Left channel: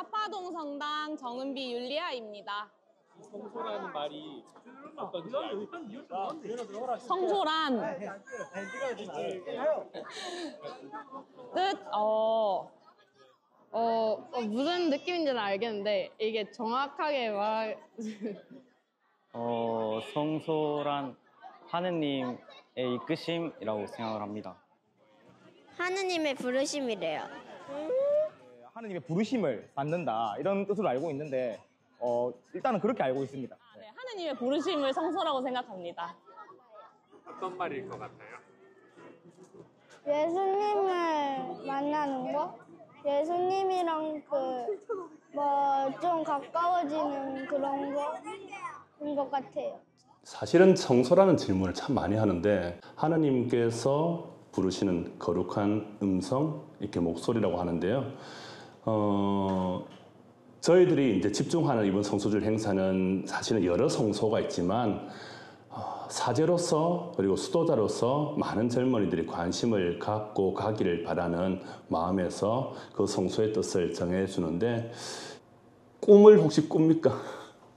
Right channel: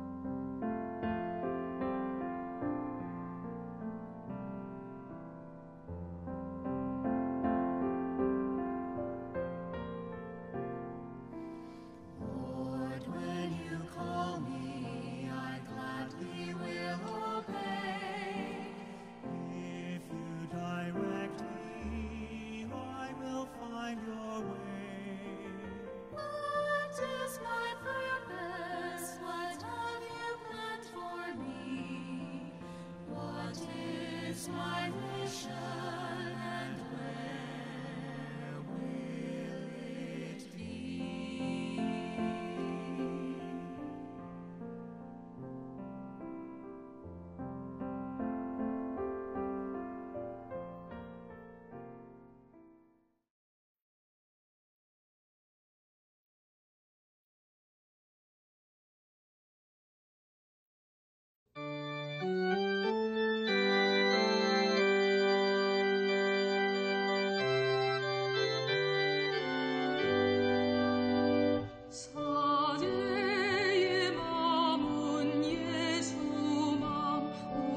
사파동 성당 정은비 율리아입니다. 성소라는 말이 어떤지 성소란 뜻? 무슨 느낌인지는 알겠는데 이게 정확하게 성소란 하느님의 이끄심이라고 생각을 합니다. 하느님의 부르심이래요. 하느님의 부르심을 받는다 이런 뜻으로 알고 있는데 일단은 그렇게 알고 있습니다. 하느님의 부르심을 성소라고 생각합니다. 어떤 말일 것 같나요? 예수님을 만나는 거? 예수님이랑 좀 가까워지는 그런 거인 것 같아요. 사실은 성소라는 질문을 참 많이 하는데 하나님께서 부르시는 거룩한 음성, 이렇게 목소리라고 하는데요. 저희들이 이제 집중하는 이번 성소절 행사는 사실 여러 성소가 있지만 사제로서 그리고 수도자로서 많은 젊은이들이 관심을 갖고 가기를 바라는 마음에서 그 성소의 뜻을 정해주는데 꿈을 혹시 꿉니까?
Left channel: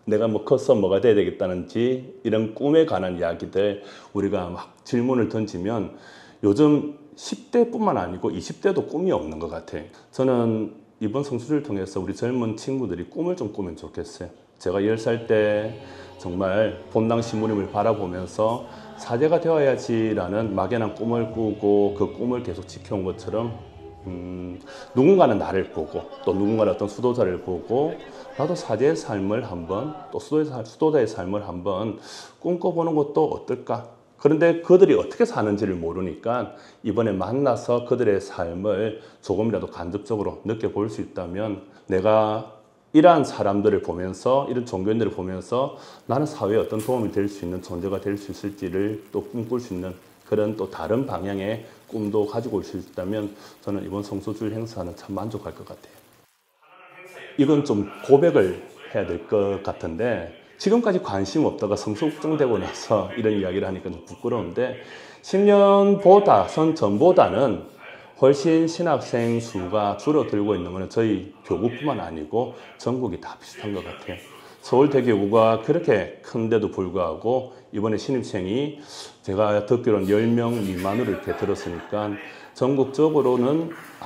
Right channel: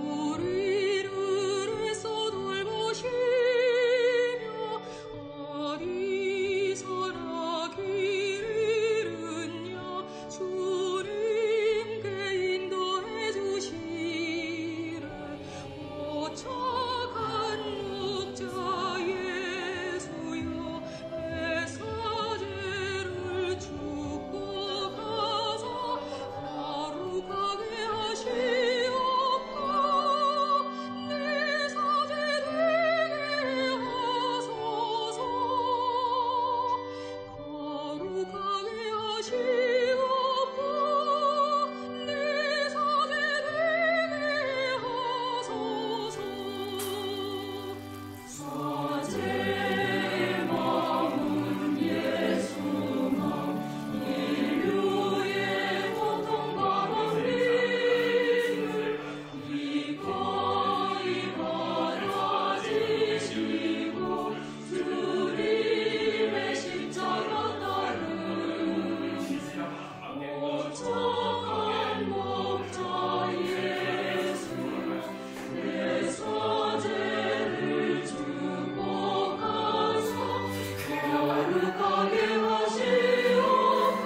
내가 뭐 커서 뭐가 돼야 되겠다는지 이런 꿈에 관한 이야기들 우리가 막 질문을 던지면 요즘 10대뿐만 아니고 20대도 꿈이 없는 것 같아요. 저는 이번 성수를 통해서 우리 젊은 친구들이 꿈을 좀 꾸면 좋겠어요. 제가 10살 때 정말 본당 신부님을 바라보면서 사제가 되어야지라는 막연한 꿈을 꾸고 그 꿈을 계속 지켜온 것처럼 누군가는 나를 보고 또 누군가는 어떤 수도자를 보고 나도 사제의 삶을 한번 또 수도자의 삶을 한번 꿈꿔보는 것도 어떨까? 그런데 그들이 어떻게 사는지를 모르니까 이번에 만나서 그들의 삶을 조금이라도 간접적으로 느껴볼 수 있다면 내가 이러한 사람들을 보면서 이런 종교인들을 보면서 나는 사회에 어떤 도움이 될 수 있는 존재가 될 수 있을지를 또 꿈꿀 수 있는 그런 또 다른 방향의 꿈도 가지고 올 수 있다면 저는 이번 성소절 행사는 참 만족할 것 같아요. 이건 좀 고백을 해야 될 것 같은데 지금까지 관심 없다가 성소정되고 나서 이런 이야기를 하니까 좀 부끄러운데 10년 전보다는 훨씬 신학생 수가 줄어들고 있는 것은 저희 교구뿐만 아니고 전국이 다 비슷한 것 같아요. 서울대교구가 그렇게 큰데도 불구하고 이번에 신입생이 제가 듣기로는 10명 미만으로 이렇게 들었으니까 전국적으로는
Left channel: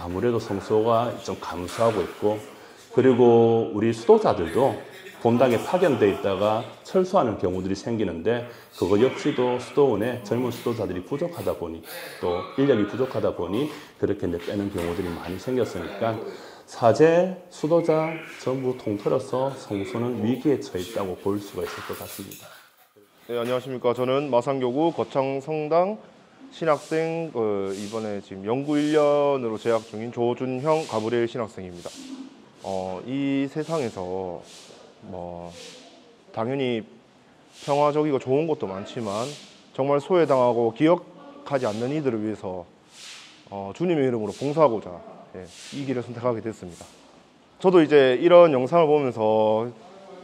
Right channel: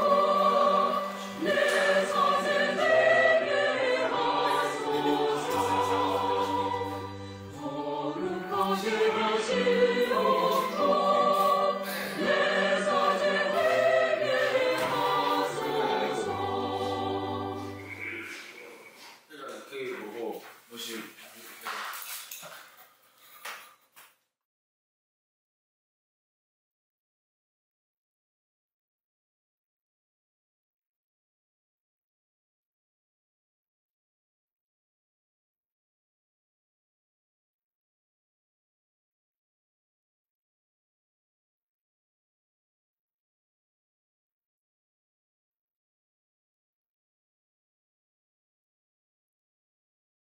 아무래도 성소가 좀 감소하고 있고 그리고 우리 수도자들도 본당에 파견돼 있다가 철수하는 경우들이 생기는데 그것 역시도 수도원에 젊은 수도자들이 부족하다 보니 또 인력이 부족하다 보니 그렇게 못 오는 경우들이 많이 생겼으니까 사제, 수도자 전부 통틀어서 성소는 위기에 처해 있다고 볼 수가 있을 것 같습니다. 네, 안녕하십니까. 저는 마산교구 거창성당 신학생 이번에 지금 연구 1년으로 재학 중인 조준형 가브리엘 신학생입니다. 이 세상에서 당연히 평화적이고 좋은 것도 많지만 정말 소외당하고 기억하지 않는 이들을 위해서 주님의 이름으로 봉사하고자 이 길을 선택하게 됐습니다. 저도 이제 이런 영상을 보면서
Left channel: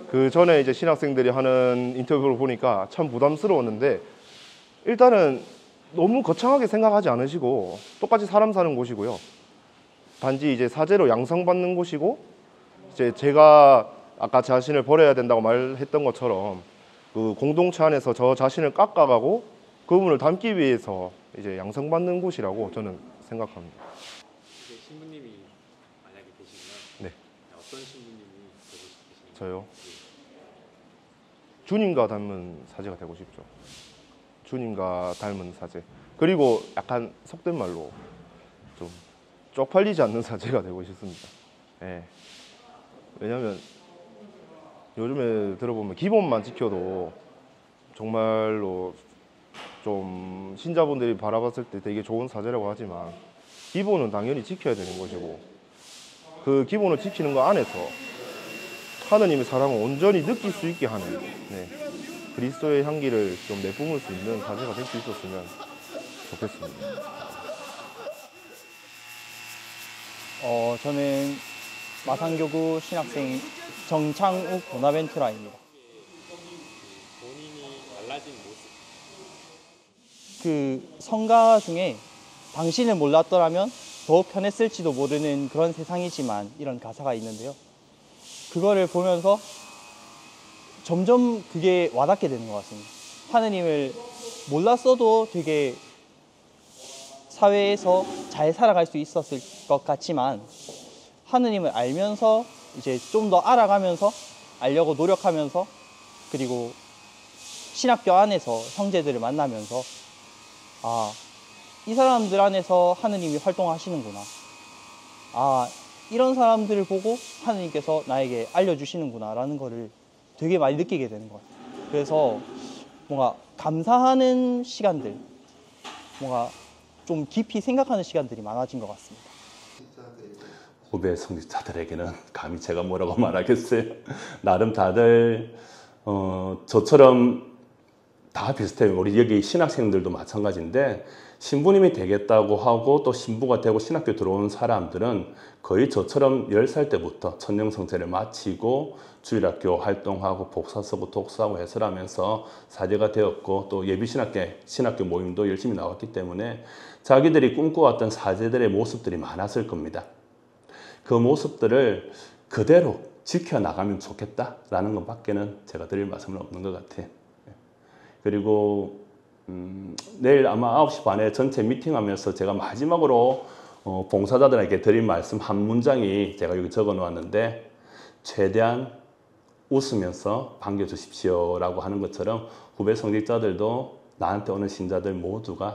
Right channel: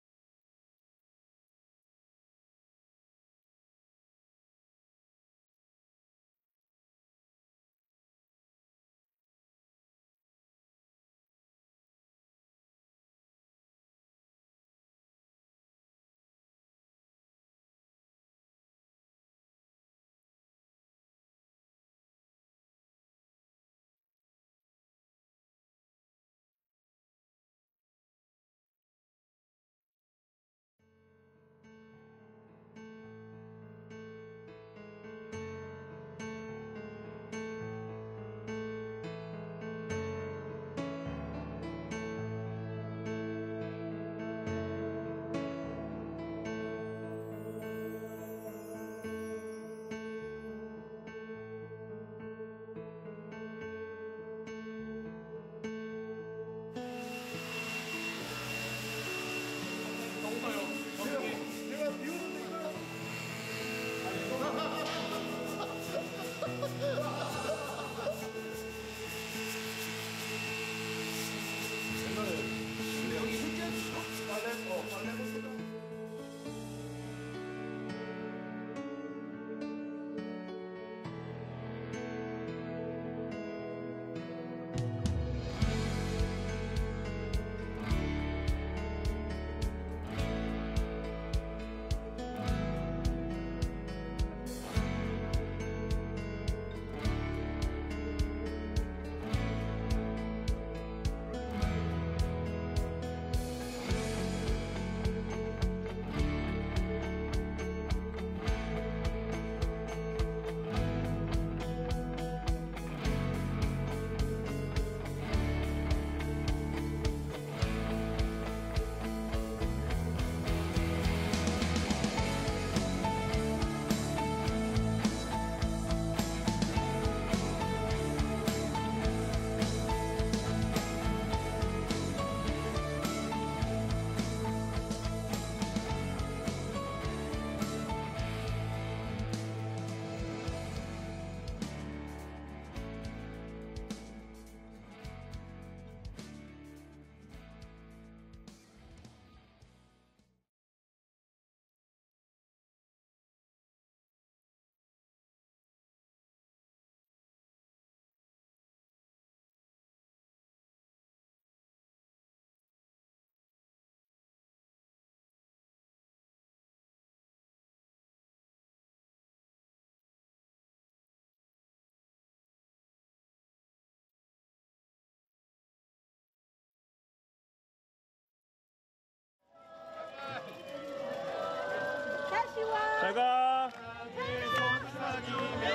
그 전에 이제 신학생들이 하는 인터뷰를 보니까 참 부담스러웠는데 일단은 너무 거창하게 생각하지 않으시고 똑같이 사람 사는 곳이고요. 단지 이제 사제로 양성받는 곳이고 이제 제가 아까 자신을 버려야 된다고 말했던 것처럼 그 공동체 안에서 저 자신을 깎아가고 그분을 닮기 위해서 이제 양성받는 곳이라고 저는 생각합니다. 이제 신부님이 만약에 되시면 네. 어떤 신부님이 되고 싶으신가요? 저요? 주님과 닮은 사제가 되고 싶죠. 주님과 닮은 사제. 그리고 약간 속된 말로 좀 쪽팔리지 않는 사제가 되고 싶습니다. 네. 왜냐면 요즘에 들어보면 기본만 지켜도 정말로 좀 신자분들이 바라봤을 때 되게 좋은 사제라고 하지만 기본은 당연히 지켜야 되는 것이고 그 기본을 지키는 거 안에서 하느님의 사랑을 온전히 느낄 수 있게 하는 그리스도의 향기를 좀 내뿜을 수 있는 사제가 될 수 있었으면 좋겠습니다. 저는 마산교구 신학생 정창욱 보나벤투라입니다. 그 성가 중에 당신을 몰랐더라면 더욱 편했을지도 모르는 그런 세상이지만 이런 가사가 있는데요. 그거를 보면서 점점 그게 와닿게 되는 것 같습니다. 하느님을 몰랐어도 되게 사회에서 잘 살아갈 수 있었을 것 같지만 하느님을 알면서 이제 좀 더 알아가면서 알려고 노력하면서 그리고 신학교 안에서 형제들을 만나면서 아, 이 사람들 안에서 하느님이 활동하시는구나. 아, 이런 사람들을 보고 하느님께서 나에게 알려주시는구나 라는 거를 되게 많이 느끼게 됩니다. 그래서 뭔가 감사하는 시간들, 뭔가 좀 깊이 생각하는 시간들이 많아진 것 같습니다. 후배 성직자들에게는 감히 제가 뭐라고 말하겠어요. 나름 다들 저처럼 다 비슷해요. 우리 여기 신학생들도 마찬가지인데 신부님이 되겠다고 하고 또 신부가 되고 신학교 들어온 사람들은 거의 저처럼 10살 때부터 천년성세를 마치고 주일학교 활동하고 복사 쓰고 독서하고 해설하면서 사제가 되었고 또 신학교 모임도 열심히 나왔기 때문에 자기들이 꿈꿔왔던 사제들의 모습들이 많았을 겁니다. 그 모습들을 그대로 지켜나가면 좋겠다라는 것밖에는 제가 드릴 말씀은 없는 것 같아요. 그리고 내일 아마 9시 반에 전체 미팅하면서 제가 마지막으로 봉사자들에게 드릴 말씀 한 문장이 제가 여기 적어 놓았는데 최대한 웃으면서 반겨주십시오 라고 하는 것처럼 후배 성직자들도 나한테 오는 신자들 모두가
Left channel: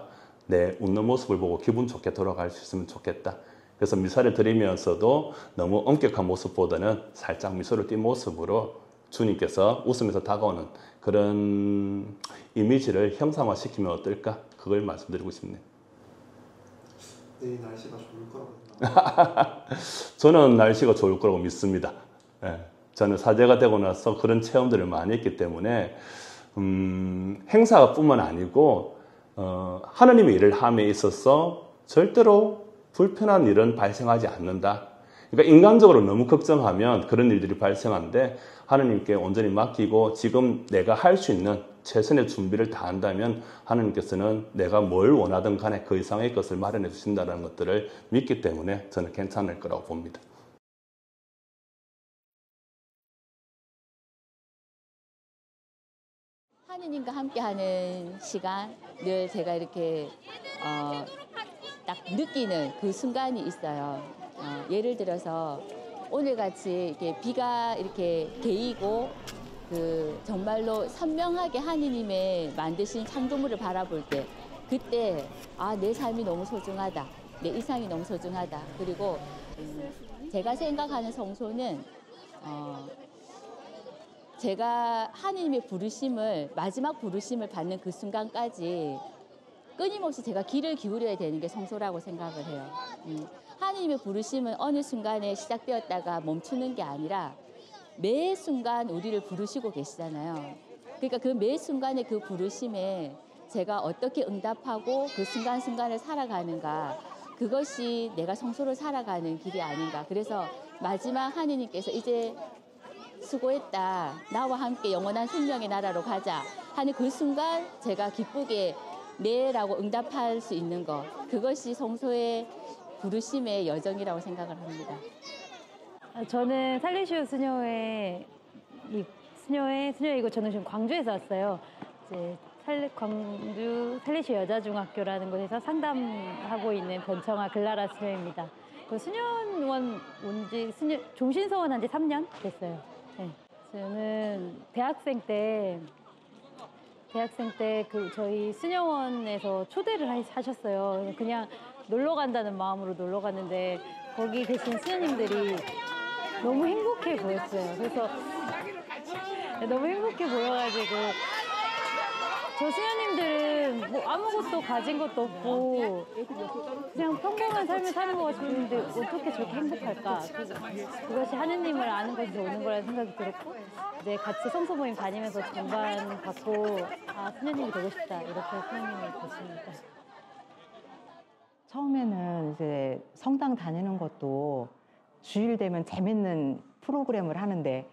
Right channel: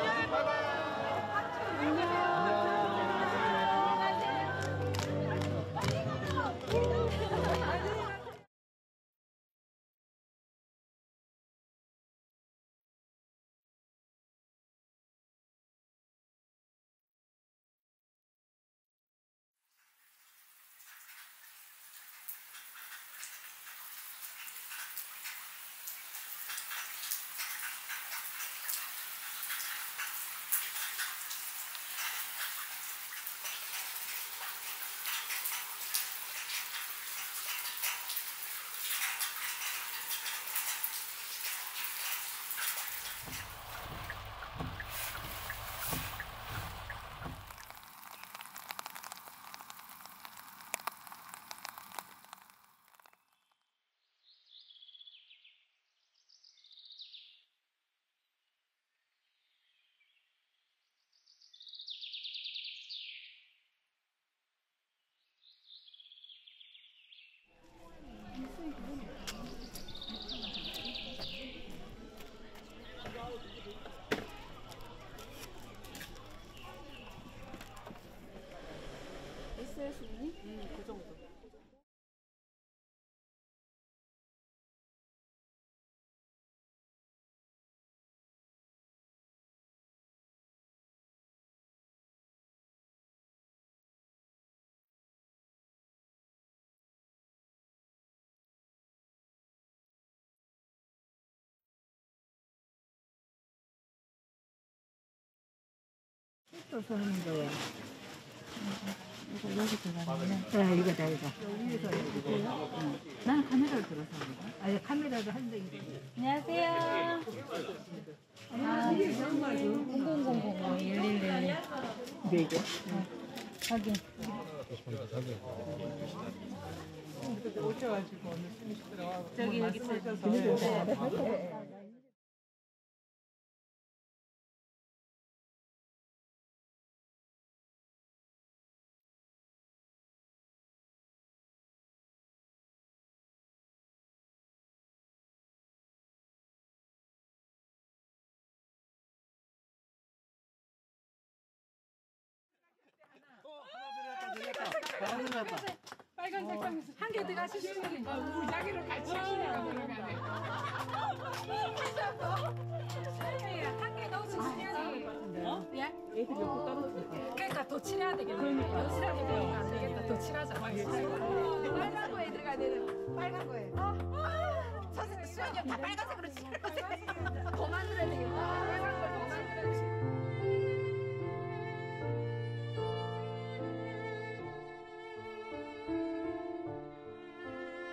내 웃는 모습을 보고 기분 좋게 돌아갈 수 있으면 좋겠다. 그래서 미사를 드리면서도 너무 엄격한 모습보다는 살짝 미소를 띈 모습으로 주님께서 웃으면서 다가오는 그런 이미지를 형상화시키면 어떨까? 그걸 말씀드리고 싶네요. 내일 날씨가 좋을 거라고 저는 날씨가 좋을 거라고 믿습니다. 예, 저는 사제가 되고 나서 그런 체험들을 많이 했기 때문에 행사뿐만 아니고 하느님의 일을 함에 있어서 절대로 불편한 일은 발생하지 않는다. 그러니까 인간적으로 너무 걱정하면 그런 일들이 발생하는데 하느님께 온전히 맡기고 지금 내가 할 수 있는 최선의 준비를 다한다면 하느님께서는 내가 뭘 원하든 간에 그 이상의 것을 마련해 주신다는 것들을 믿기 때문에 저는 괜찮을 거라고 봅니다. 하느님과 함께하는 시간, 늘 제가 이렇게 딱 느끼는 그 순간이 있어요. 예를 들어서 오늘같이 이렇게 비가 이렇게 개이고 정말로 선명하게 하느님의 만드신 창조물을 바라볼 때 그때 내 삶이 너무 소중하다. 내 일상이 너무 소중하다. 그리고 제가 생각하는 성소는 제가 하느님의 부르심을 마지막 부르심을 받는 그 순간까지 끊임없이 제가 귀를 기울여야 되는 게 성소라고 생각을 해요. 하느님의 부르심은 어느 순간에 시작되었다가 멈추는 게 아니라 매 순간 우리를 부르시고 계시잖아요. 그러니까 그 매 순간의 그 부르심에 제가 어떻게 응답하고 그 순간순간을 살아가는가, 그것이 내가 성소를 살아가는 길이 아닌가. 그래서 마지막 하느님께서 이제 수고했다, 나와 함께 영원한 생명의 나라로 가자 하는 그 순간 제가 기쁘게 네라고 응답할 수 있는 것, 그것이 성소의 부르심의 여정이라고 생각을 합니다. 저는 살리시오 수녀이고 저는 광주에서 왔어요. 이제 광주 살리시오 여자중학교라는 곳에서 상담하고 있는 변청아 글라라 수녀입니다. 수녀원 종신서원 한 지 3년 됐어요. 네. 저는 대학생 때 저희 수녀원에서 초대를 하셨어요. 그냥 놀러 간다는 마음으로 놀러 갔는데 거기 계신 수녀님들이 너무 행복해 보였어요. 그래서 너무 행복해 보여가지고 저 수녀님들은 뭐 아무것도 가진 것도 없고 그냥 평범한 삶을 사는 것 같았는데 어떻게 저렇게 행복할까. 그것이 하느님을 아는 것이 오는 거라는 생각이 들었고 네, 같이 성소 모임 다니면서 정말 받고 수녀님 되고 싶다 이렇게 생각했어요. 처음에는 이제 성당 다니는 것도 주일 되면 재밌는 프로그램을 하는데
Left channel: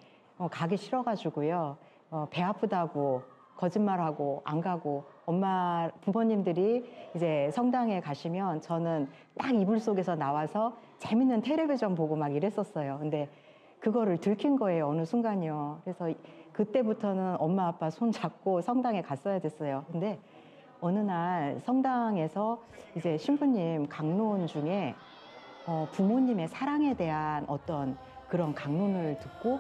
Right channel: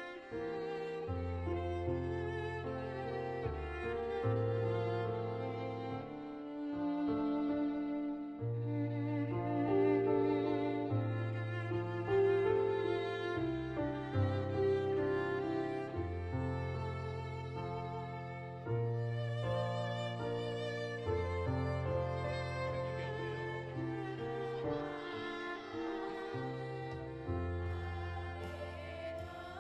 가기 싫어가지고요. 배 아프다고 거짓말하고 안 가고 부모님들이 이제 성당에 가시면 저는 딱 이불 속에서 나와서 재밌는 텔레비전 보고 막 이랬었어요. 근데 그거를 들킨 거예요, 어느 순간이요. 그래서 그때부터는 엄마 아빠 손 잡고 성당에 갔어야 됐어요. 근데 어느 날 성당에서 이제 신부님 강론 중에 부모님의 사랑에 대한 어떤 그런 강론을 듣고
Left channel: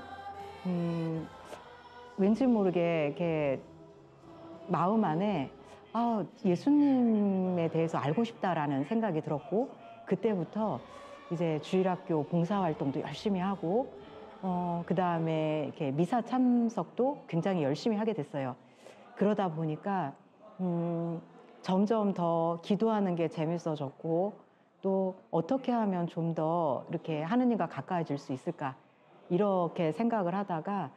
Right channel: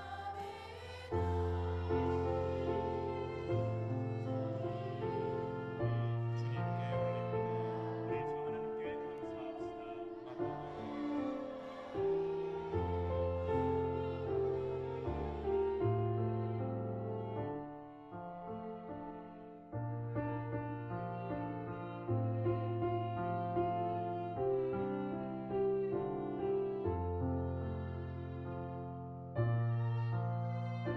왠지 모르게 이렇게 마음 안에 예수님에 대해서 알고 싶다라는 생각이 들었고, 그때부터 이제 주일학교 봉사활동도 열심히 하고 그 다음에 이렇게 미사 참석도 굉장히 열심히 하게 됐어요. 그러다 보니까 점점 더 기도하는 게 재밌어졌고, 또 어떻게 하면 좀 더 이렇게 하느님과 가까워질 수 있을까, 이렇게 생각을 하다가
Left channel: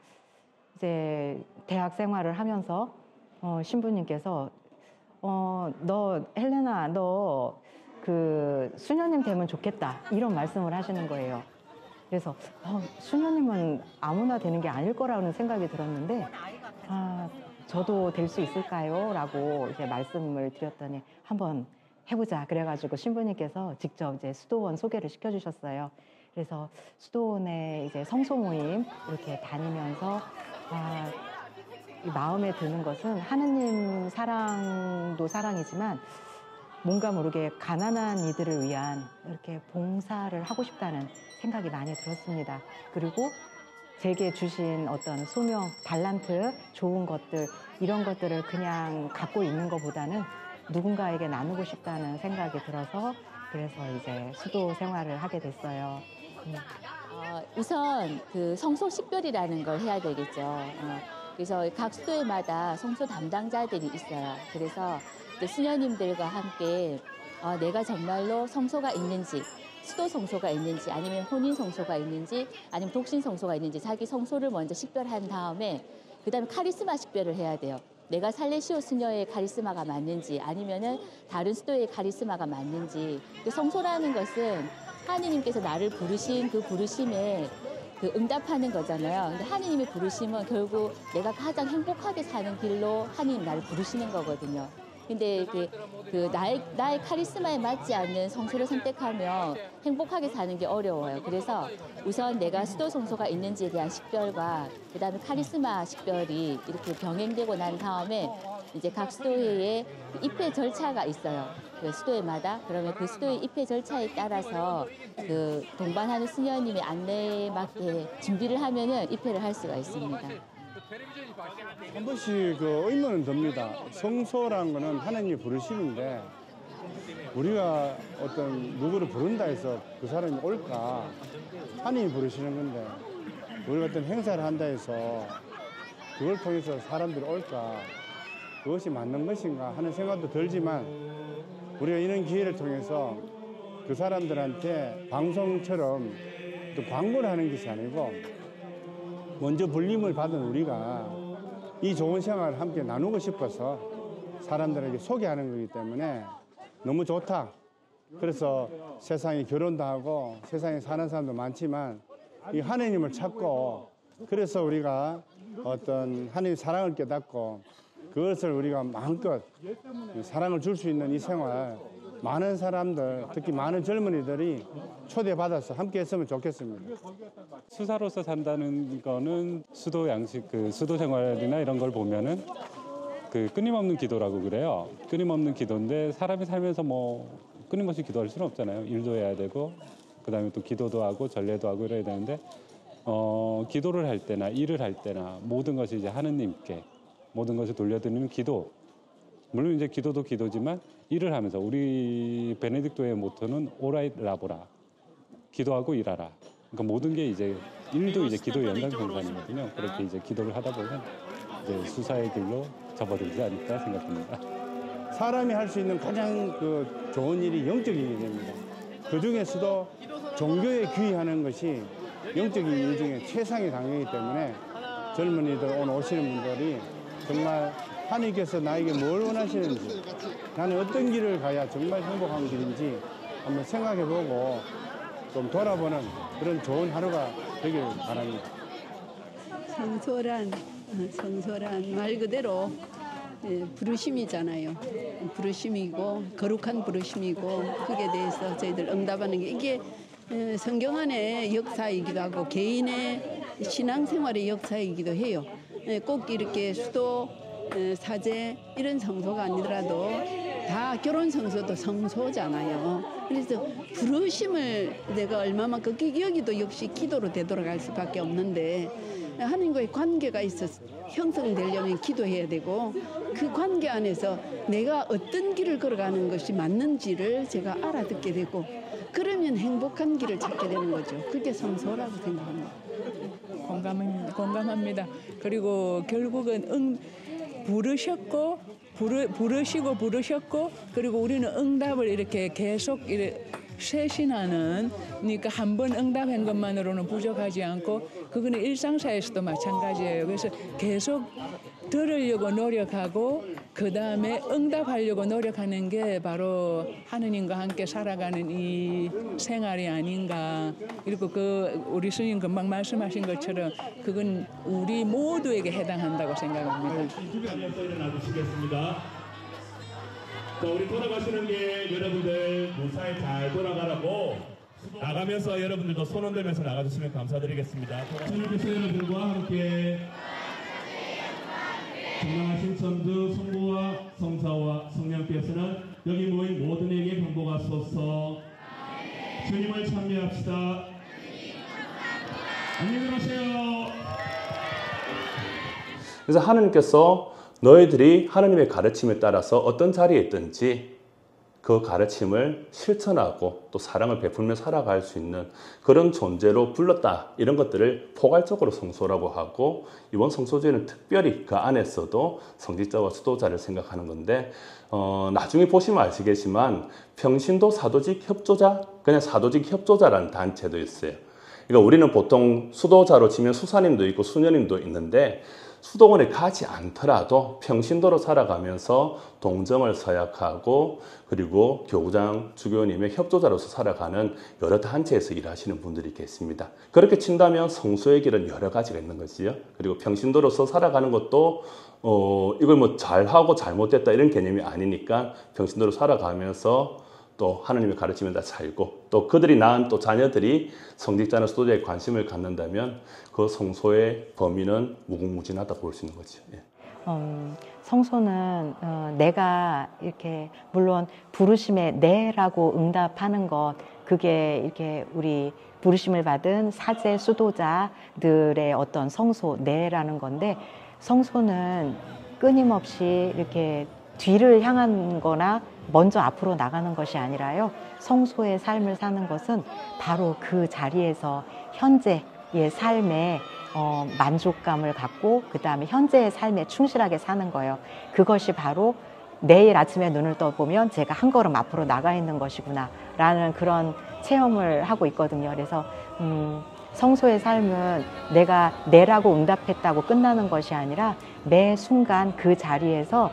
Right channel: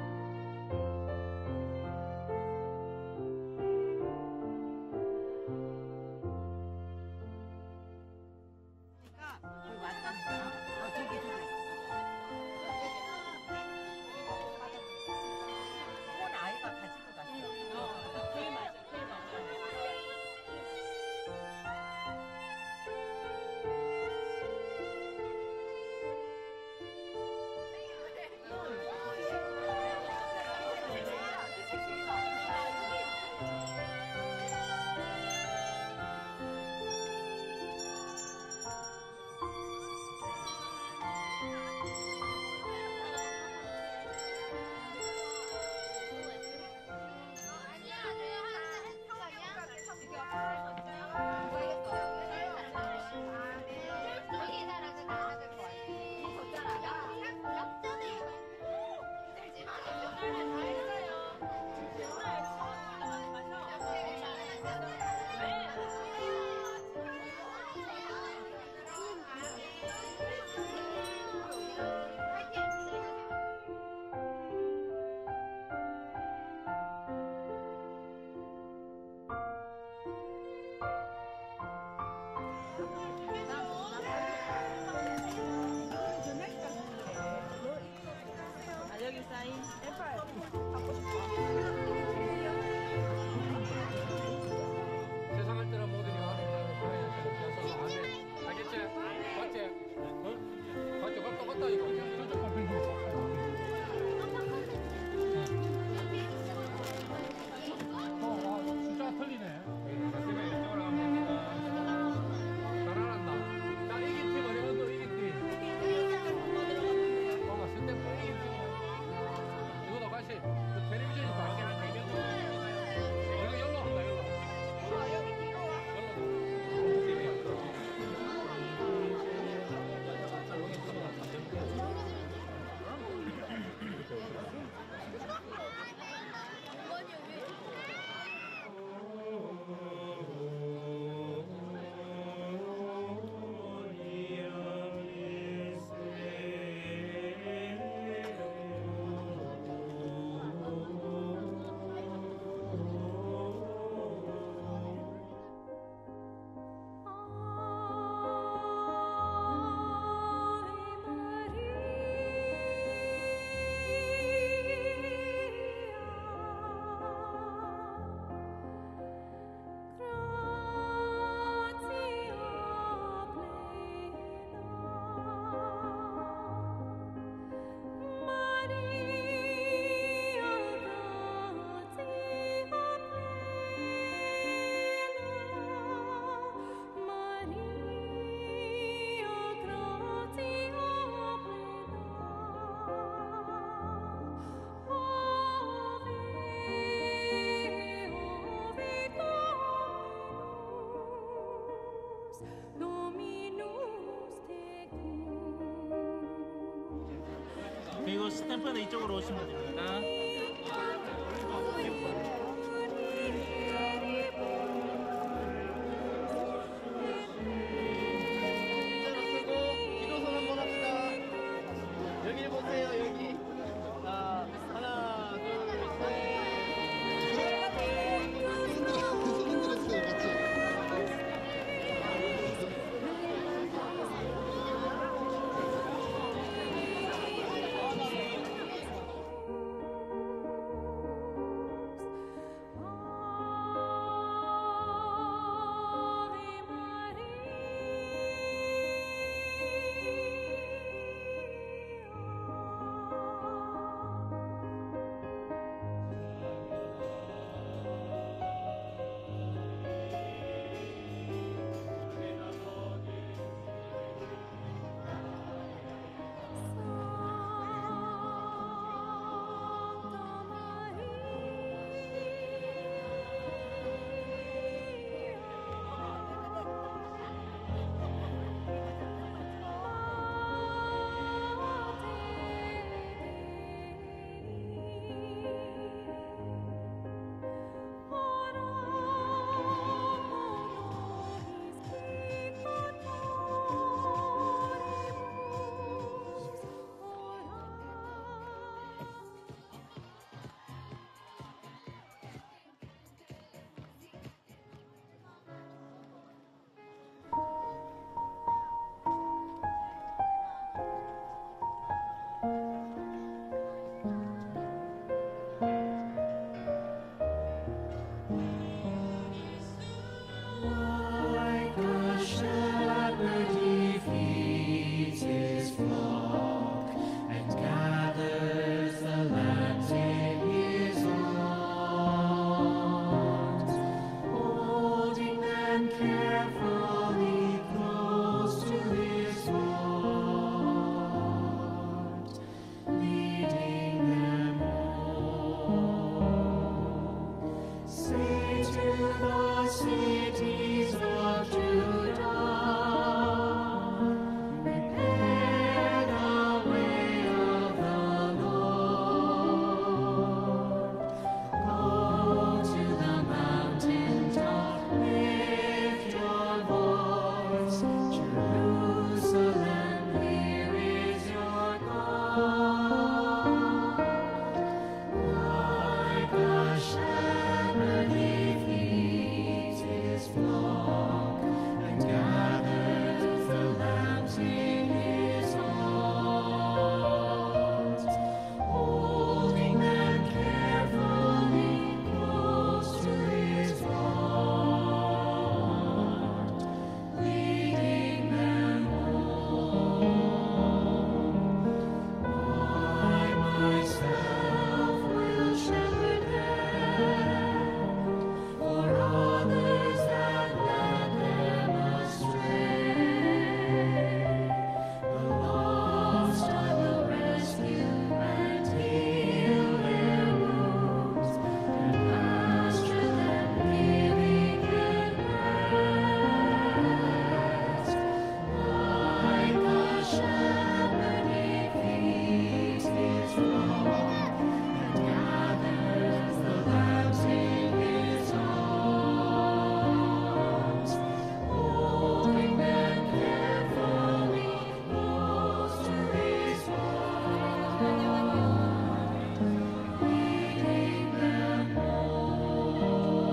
이제 대학 생활을 하면서 신부님께서 너 헬레나, 너 그 수녀님 되면 좋겠다, 이런 말씀을 하시는 거예요. 그래서 수녀님은 아무나 되는 게 아닐 거라는 생각이 들었는데, 저도 될 수 있을까요? 라고 이제 말씀을 드렸더니 한번 해보자. 그래가지고 신부님께서 직접 이제 수도원 소개를 시켜주셨어요. 그래서 수도원에 이제 성소 모임 이렇게 다니면서 마음에 드는 것은 하느님 사랑도 사랑이지만 뭔가 모르게 가난한 이들을 위한 이렇게 봉사를 하고 싶다는 생각이 많이 들었습니다. 그리고 제게 주신 어떤 소명, 달란트, 좋은 것들, 이런 것들을 그냥 갖고 있는 것보다는 누군가에게 나누고 싶다는 생각이 들어서, 그래서 이제 수도 생활을 하게 됐어요. 우선 그 성소 식별이라는 걸 해야 되겠죠. 그래서 각 수도회마다 성소 담당자들이 있어요. 그래서 수녀님들과 함께 내가 정말로 성소가 있는지, 수도 성소가 있는지, 아니면 혼인 성소가 있는지, 아니면 독신 성소가 있는지 자기 성소를 먼저 식별한 다음에 그다음에 카리스마 식별을 해야 돼요. 내가 살레시오 수녀의 카리스마가 맞는지, 아니면은 다른 수도의 카리스마가 맞는지. 그 성소라는 것은 하느님께서 나를 부르신 그 부르심에 그 응답하는 거잖아요. 근데 하느님의 부르심은 결국 내가 가장 행복하게 사는 길로 하느님 나를 부르시는 거거든요. 근데 나의 카리스마에 맞지 않는 성소를 선택하면 행복하게 사는 게 어려워요. 그래서 우선 내가 수도 성소가 있는지에 대한 식별과 그다음에 카리스마 식별이 이렇게 병행되고 난 다음에 이제 각 수도회에 입회 절차가 있어요. 그 수도회마다. 그러면 그 수도회 입회 절차에 따라서 그 동반하는 수녀님의 안내에 맞게 준비를 하면은 입회를 할 수가 있습니다. 한 번씩 그 의문은 듭니다. 성소라는 거는 하나님이 부르시는데 우리가 어떤 누구를 부른다 해서 그 사람이 올까? 하나님이 부르시는 건데 우리가 어떤 행사를 한다 해서 그걸 통해서 사람들이 올까? 그것이 맞는 것인가 하는 생각도 들지만 우리가 이런 기회를 통해서 그 사람들한테 방송처럼 또 광고를 하는 것이 아니고 먼저 불림을 받은 우리가 이 좋은 생활을 함께 나누고 싶어서 사람들에게 소개하는 거기 때문에 너무 좋다. 그래서 세상에 결혼도 하고 세상에 사는 사람도 많지만 이 하나님을 찾고, 그래서 우리가 어떤 하나님의 사랑을 깨닫고 그것을 우리가 마음껏 사랑을 줄 수 있는 이 생활, 많은 사람들, 특히 많은 젊은이들이 초대받아서 함께 했으면 좋겠습니다. 수사로서 산다는 거는 수도 양식, 그 수도 생활이나 이런 걸 보면은 그 끊임없는 기도라고 그래요. 끊임없는 기도인데 사람이 살면서 뭐 끊임없이 기도할 수는 없잖아요. 일도 해야 되고 그다음에 또 기도도 하고 전례도 하고 이래야 되는데 기도를 할 때나 일을 할 때나 모든 것이 이제 하느님께 모든 것을 돌려드리는 기도. 물론 이제 기도도 기도지만 일을 하면서 우리 베네딕토의 모토는 오라이 라보라. 기도하고 일하라. 그러니까 모든 게 이제 일도 이제 기도에 연관되거든요. 그렇게 이제 기도를 하다 보면 수사의 길로 접어들지 않을까 생각합니다. 사람이 할 수 있는 가장 그 좋은 일이 영적인 일입니다. 그 중에서도 종교에 귀의하는 것이 영적인 일 중에 최상의 강의이기 때문에 젊은이들 오늘 오시는 분들이 정말 하나님께서 나에게 뭘 원하시는지, 나는 어떤 길을 가야 정말 행복한 길인지 한번 생각해보고 좀 돌아보는 그런 좋은 하루가 되길 바랍니다. 성소란 말 그대로 부르심이잖아요. 부르심이고 거룩한 부르심이고 거기에 대해서 저희들 응답하는 게 이게 성경 안의 역사이기도 하고 개인의 신앙생활의 역사이기도 해요. 꼭 이렇게 수도, 사제 이런 성소가 아니더라도 다 결혼 성소도 성소잖아요. 그래서 부르심을 내가 얼마만큼 여기도 역시 기도로 되돌아갈 수밖에 없는데 하나님과의 관계가 있어서 형성되려면 기도해야 되고 그 관계 안에서 내가 어떤 길을 걸어가는 것이 맞는지를 제가 알아듣게 되고 그러면 행복한 길을 찾게 되는 거죠. 그게 성소라고 생각합니다. 공감합니다. 그리고 결국은 부르시고 그리고 우리는 응답을 이렇게 계속 쇄신하는 그러니까 한 번 응답한 것만으로는 부족하지 않고 그거는 일상사에서도 마찬가지예요. 그래서 계속 들으려고 노력하고 그 다음에 응답하려고 노력하는 게 바로 하느님과 함께 살아가는 이 생활이 아닌가. 그리고 우리 스님 금방 말씀하신 것처럼 그건 우리 모두에게 해당한다고 생각합니다. 우리 돌아가시는 길 여러분들 무사히 잘 돌아가라고 나가면서 여러분들도 손 흔들면서 나가주시면 감사드리겠습니다. 여러분과 함께 성전도 성부와 성사와 성령께서는 우리의 모든 일이 인도하소서. 주님을 찬양합시다. 안녕히 가세요. 그래서 하나님께서 너희들이 하나님의 가르침에 따라서 어떤 자리에 있든지 그 가르침을 실천하고 또 사랑을 베풀며 살아갈 수 있는 그런 존재로 불렀다. 이런 것들을 포괄적으로 성소라고 하고 이번 성소주의는 특별히 그 안에서도 성직자와 수도자를 생각하는 건데 나중에 보시면 아시겠지만 평신도 사도직 협조자, 그냥 사도직 협조자라는 단체도 있어요. 그러니까 우리는 보통 수도자로 치면 수사님도 있고 수녀님도 있는데 수도원에 가지 않더라도 평신도로 살아가면서 동정을 서약하고 그리고 교구장 주교님의 협조자로서 살아가는 여러 단체에서 일하시는 분들이 있습니다. 그렇게 친다면 성소의 길은 여러 가지가 있는 것이요. 그리고 평신도로서 살아가는 것도 이걸 뭐 잘하고 잘못됐다 이런 개념이 아니니까 평신도로 살아가면서 또 하나님의 가르침을 다 살고 또 그들이 낳은 또 자녀들이 성직자나 수도자에 관심을 갖는다면 그 성소의 범위는 무궁무진하다고 볼 수 있죠. 성소는 내가 이렇게 물론 부르심에 네라고 응답하는 것 그게 이렇게 우리 부르심을 받은 사제 수도자들의 어떤 성소 네라는 건데 성소는 끊임없이 이렇게 뒤를 향하는 거나 먼저 앞으로 나가는 것이 아니라요. 성소의 삶을 사는 것은 바로 그 자리에서 현재의 삶에 만족감을 갖고 그 다음에 현재의 삶에 충실하게 사는 거예요. 그것이 바로 내일 아침에 눈을 떠보면 제가 한 걸음 앞으로 나가 있는 것이구나 라는 그런 체험을 하고 있거든요. 그래서 성소의 삶은 내가 내라고 응답했다고 끝나는 것이 아니라 매 순간 그 자리에서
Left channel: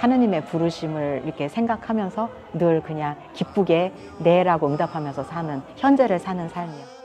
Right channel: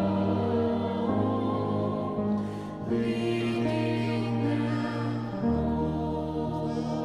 하느님의 부르심을 이렇게 생각하면서 늘 그냥 기쁘게 내라고 응답하면서 사는 현재를 사는 삶이에요.